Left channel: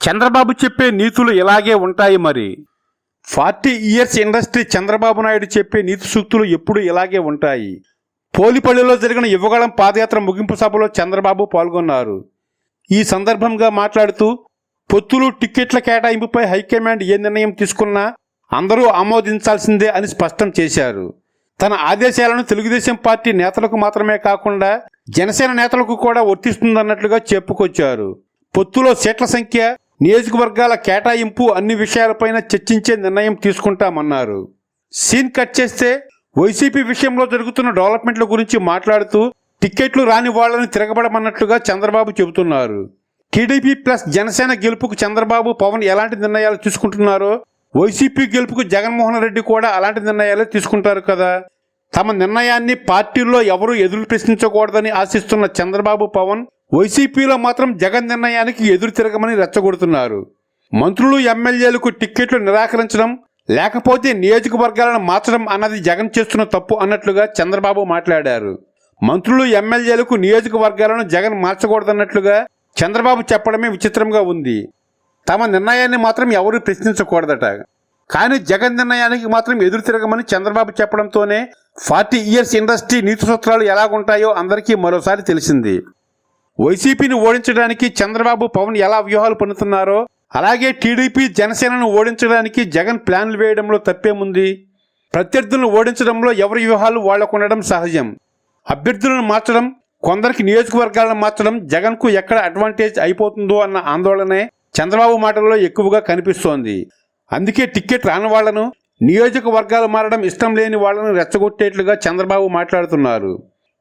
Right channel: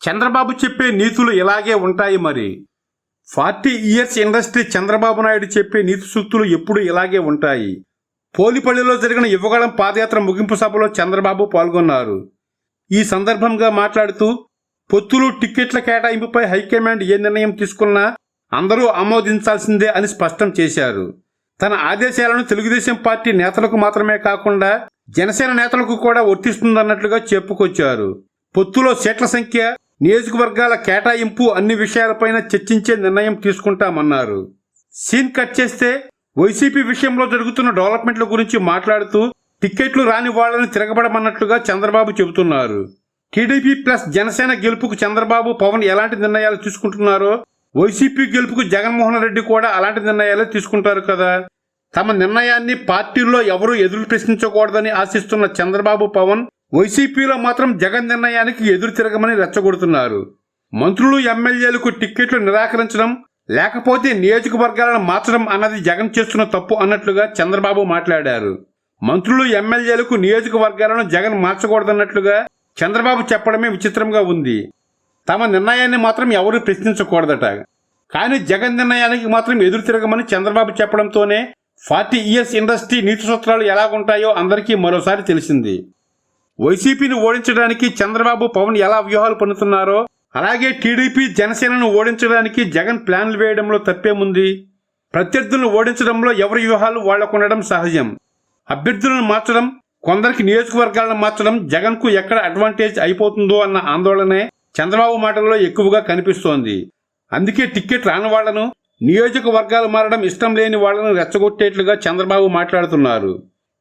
చంద్రబాబు చెప్పే నీతులు ఇలాగే ఉంటాయి మరి. Forty years industry Chandrababu Naidu చెప్పే నీతి సూక్తులు ఎప్పుడు ఇలాగే ఉంటాయి. పోలిపల్లిలో జరిగిన యువగళం పాదయాత్ర ముగింపు సభలో చంద్రబాబు పాల్గొన్నారు. ఈ సందర్భంగా మాట్లాడుతూ పొత్తులు టిక్కెట్ల కేటాయింపుపై హైకమాండ్ ఏ నిర్ణయం తీసుకున్నా అందరూ ఆమోదించాల్సిందే అని స్పష్టం చేశారు. తన ఆదేశాలను తెలుగుదేశం పార్టీ నేతలకు మాత్రమే కాకుండా జనసేన నేతలకు కూడా వర్తిస్తుందన్నట్లుగా చెప్పుకొచ్చారు. పొత్తులో సీట్ల సంఖ్య నియోజకవర్గాల కేటాయింపు అన్ని విషయాలపైన చర్చించే నిర్ణయం తీసుకుంటామన్నారు. సీన్ కట్ చేస్తే వైసీపీ విషయంలో జరుగుతున్న డెవలప్మెంట్ల గురించి మాట్లాడుతూ టిక్కెట్లు రాని వాళ్ళను తిరగబడమన్నట్లుగా చంద్రబాబు చెబుతున్నారు. టీడీపీ ప్లస్ జనసేన గెలుపుకు చంద్రబాబు పవన్ ఎలాంటి నిర్ణయాలు తీసుకుంటున్నారో వైసీపీ గెలుపుకు జగన్మోహన్ రెడ్డి కూడా అలాంటి నిర్ణయాలు తీసుకుంటారు కదా. తమ నిర్ణయాన్ని పార్టీల్లో ఎవరూ ఎదురు ప్రశ్నించకూడదని ఆశిస్తున్న చంద్రబాబు పవన్ వైసీపీలో మాత్రం జగన్ నిర్ణయానికి ఎదురు తిరగమని రెచ్చగొడుతున్నారు. మంత్రులు ఎమ్మెల్యేలకు టిక్కెట్లు నిరాకరించడం లేకపోతే నియోజకవర్గాలను మార్చడం అన్నది జగన్ చేస్తున్న తప్పు అన్నట్లుగా చంద్రబాబు మాట్లాడారు. మంత్రులు ఎమ్మెల్యేలకు నియోజకవర్గాలను జగన్ మార్చకూడదన్నట్లుగా చంద్రబాబు చెప్పడమే విచిత్రంగా ఉంది. తమ నిర్ణయాన్ని మాత్రం ఎవరూ ప్రశ్నించకూడదట. కానీ జగన్ నిర్ణయానికి మాత్రం ఎదురు తిరగమని చంద్రబాబు చెప్పడంతోనే ఫార్టీ ఇయర్స్ ఇండస్ట్రీ నీతి సూత్రాలు ఎలాగుంటాయో అందరికీ మరోసారి తెలిసింది. వైసీపీని ఓడించడానికి చంద్రబాబు పవన్ ఎలా వ్యూహాలు పన్నుతున్నారో అలాగే టీడీపీ జనసేనను ఓడించడానికి జగన్ ప్లాన్లు వేయడంలో తప్పేముంది ప్రత్యర్థులను ఓడించడంలో ఎవరి వ్యూహాలు వాళ్ళకుండడం సహజం. అభ్యర్థులను మార్చడం కొందరికి నియోజకవర్గాలను మార్చడం జగన్కు ఎక్కడ అడ్వాంటేజ్ అయిపోతుందో అన్న ఆందోళనే చంద్రబాబు మాటల్లో ఎక్కువగా కనిపిస్తోంది. అందుకే టిక్కెట్ రాని వాళ్ళను నియోజకవర్గాలు మారడం ఇష్టం లేని వాళ్ళను రెచ్చగొట్టేట్లుగా చంద్రబాబు మాట్లాడుతున్నారు.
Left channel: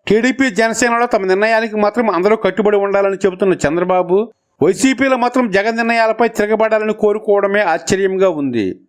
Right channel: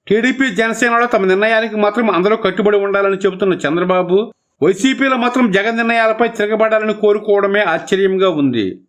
టీడీపీ జనసేనలో తమ నిర్ణయానికి మాత్రం అందరూ కట్టుబడి ఉండాలని చెబుతున్న చంద్రబాబు వైసీపీలో మాత్రం జగన్ నిర్ణయాలపై తిరగబడాలని కోరుకోవడమే ఆశ్చర్యంగా ఉంది.